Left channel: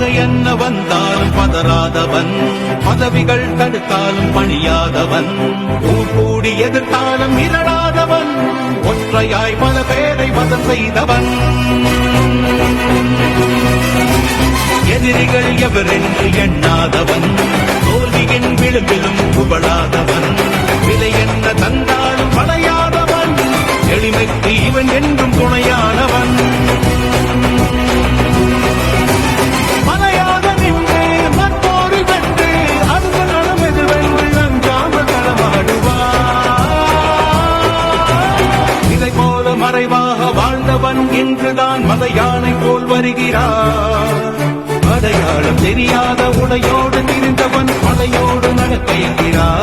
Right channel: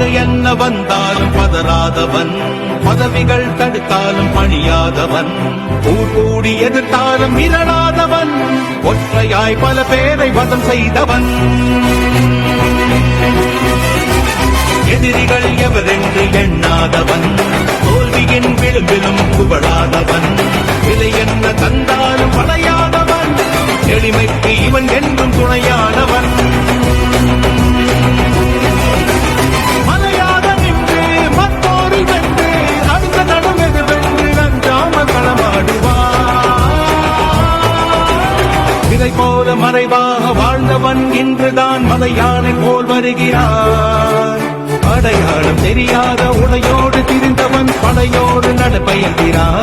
பகை என்ன வந்தாலும் பதறாதவன், பதவிகள் தடுத்தாலும் பணியாதவன், ஊர் கூடி எதிர்த்தாலும் மிரளாதவன், ஒற்றையாய் பல பேரை வதம் செய்தவன். எதிரிகள் எவரென்று எண்ணாதவன், தோல்வியின் விளிம்பிலும் புகழாதவன், விலை என்ன தந்தாலும் படையாதவன், எளிமைக்கு இவன் என்றும் துணையானவன். மலையாக நின்று மற்றோரில் வென்று அடுத்த நடம் எதிர்வென்று அஞ்சாமல் களமாடுவான். இதை போல மறைவாக வாழ்ந்தவன் இன்றுதான் மத யானை போல் வருகிறான். அடையாளம் தெரியாத உடையோடு திரிந்தவன் படையோடு நடப்பயர்கிறான்.